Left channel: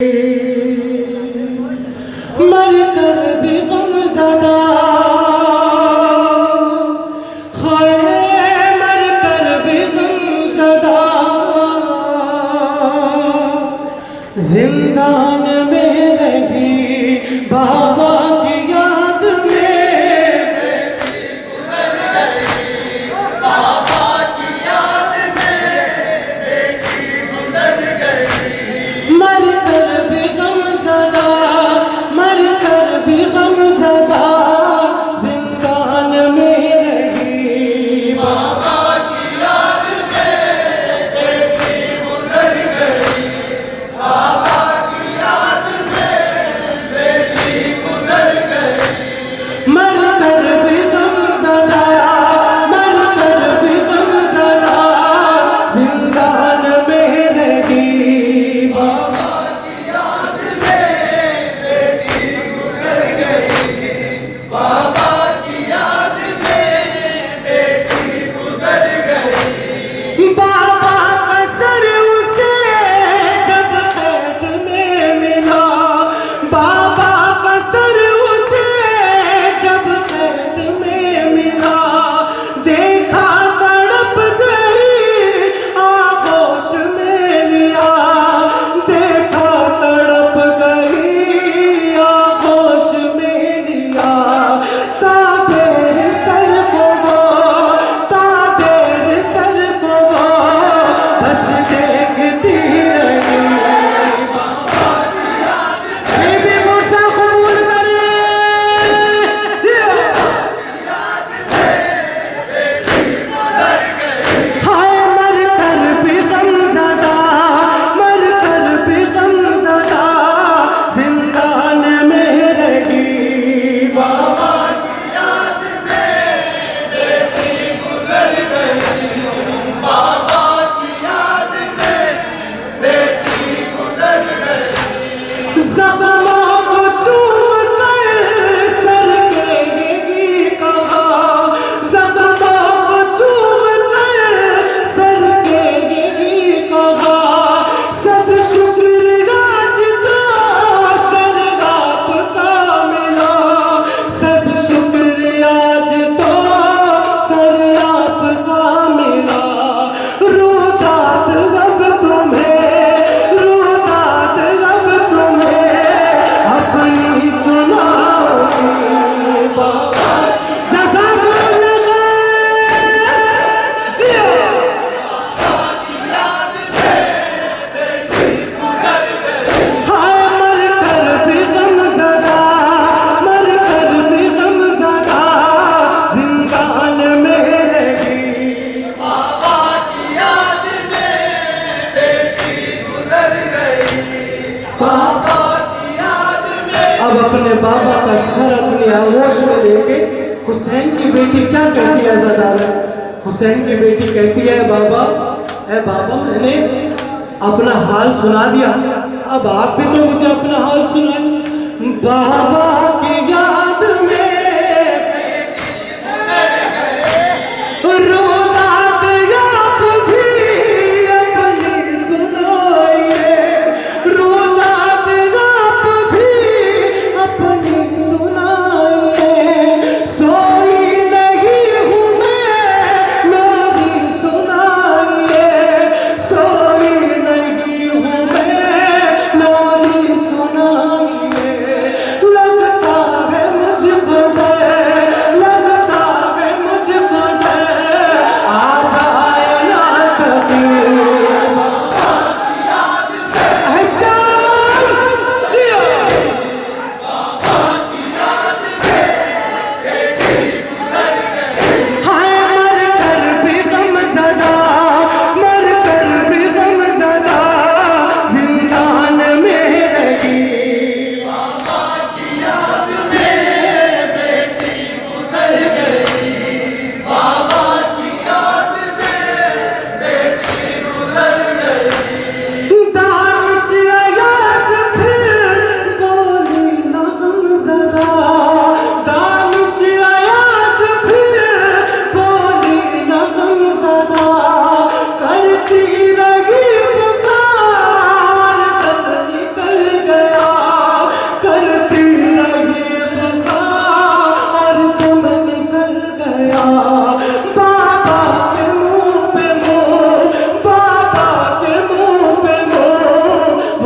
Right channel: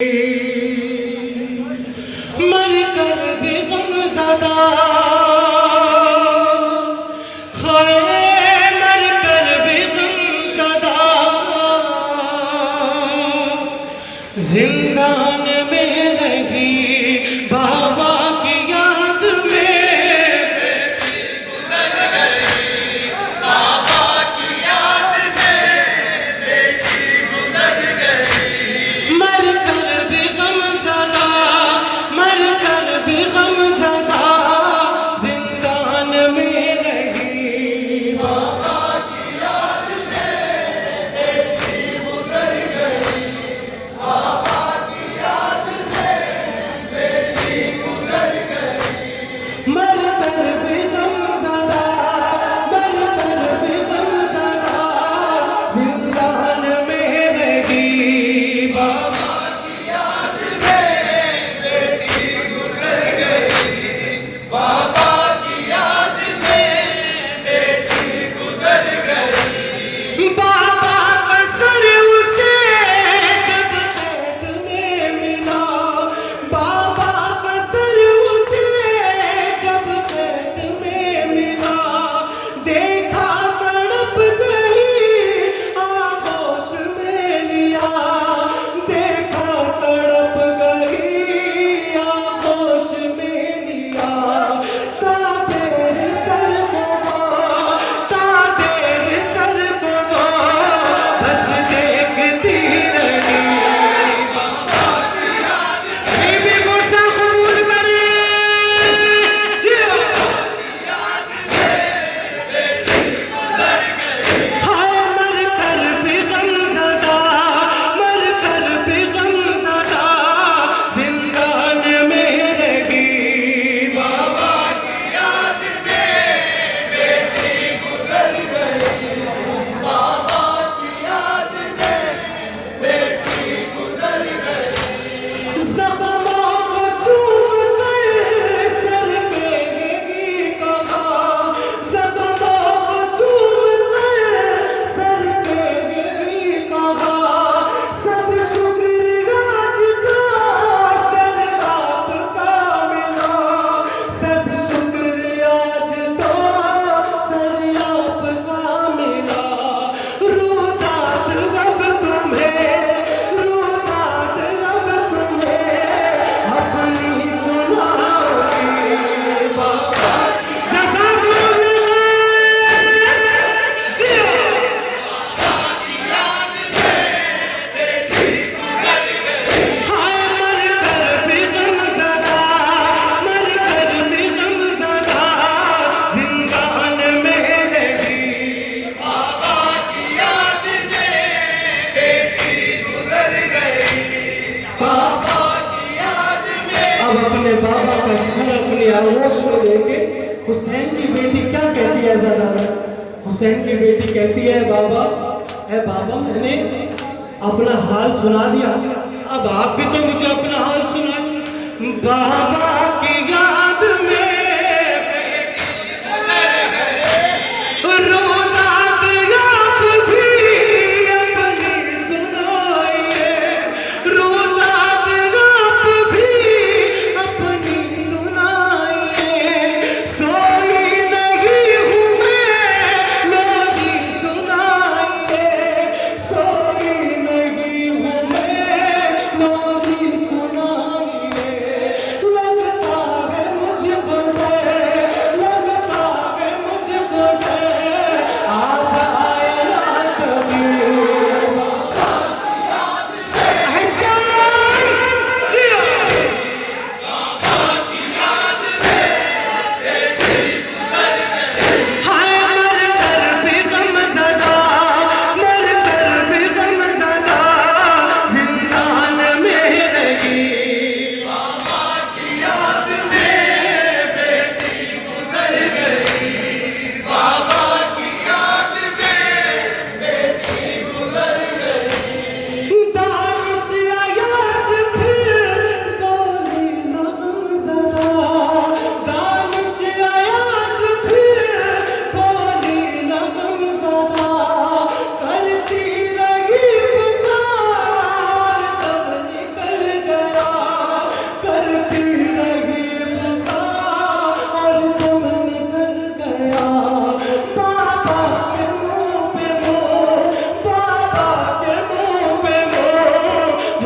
मर कर भी गमज़दा हाय मर कर भी गमज़दा जिंदान में रही बाबा की याद में बेटी गुजर गई बाबा की याद में बेटी गुजर गई मर कर भी गमज़दा मर कर भी गमज़दा जिंदान में रही बाबा की याद में बेटी गुजर गई बाबा की याद में बेटी गुजर गई मर कर भी गमज़दा मर कर भी गमज़दा जिंदान में रही बाबा की याद में बेटी गुजर गई बाबा की याद में बेटी गुजर गई बाबा का सर उसे जब कैद में मिला बाबा का सर उसे जब कैद में मिला देखा तड़प गई आगोश में लिया देखा तड़प गई आगोश में लिया ताबेर सर को वो बस देखती रही बाबा की याद बीबी मुर्सा कबूल करी हाय मर कर भी गमज़दा मर कर भी गमज़दा जिंदान में रही बाबा की याद में बेटी गुजर गई बाबा की याद में बेटी गुजर गई ज़ख्मों को चूम कर सर के यही कहा ज़ख्मों को चूम कर सर के यही कहा सब शुक्रिया जितना सर आपका मिला सब शुक्रिया जितना सर आपका मिला रोदात अब तुम्हें अपनी सुनाओगी बाबा जज़ाकुमुल्लाह खैर जियो हाय मर कर भी गमज़दा मर कर भी गमज़दा जिंदान में रही बाबा की याद में बेटी गुजर गई बाबा की याद में अब अपने बाबा का सर अपनी आगोश में लेके हुसैन की बेटी क्या कहती है ज़दार हुसैन की बेटी कहती है बाबा ए बाबा मैंने अपना हाल सुना दिया अब आप भी तो मुझे अपना हाल सुनाए बाबा की याद में रोदात आप भी अपनी सुनाइए रोदात आप भी अपनी सुनाइए सोई नहीं हूँ मैं मेरी सुनाइए सोई नहीं हूँ मैं मेरी सुनाइए लगता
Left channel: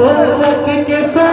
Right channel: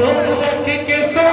रख के सो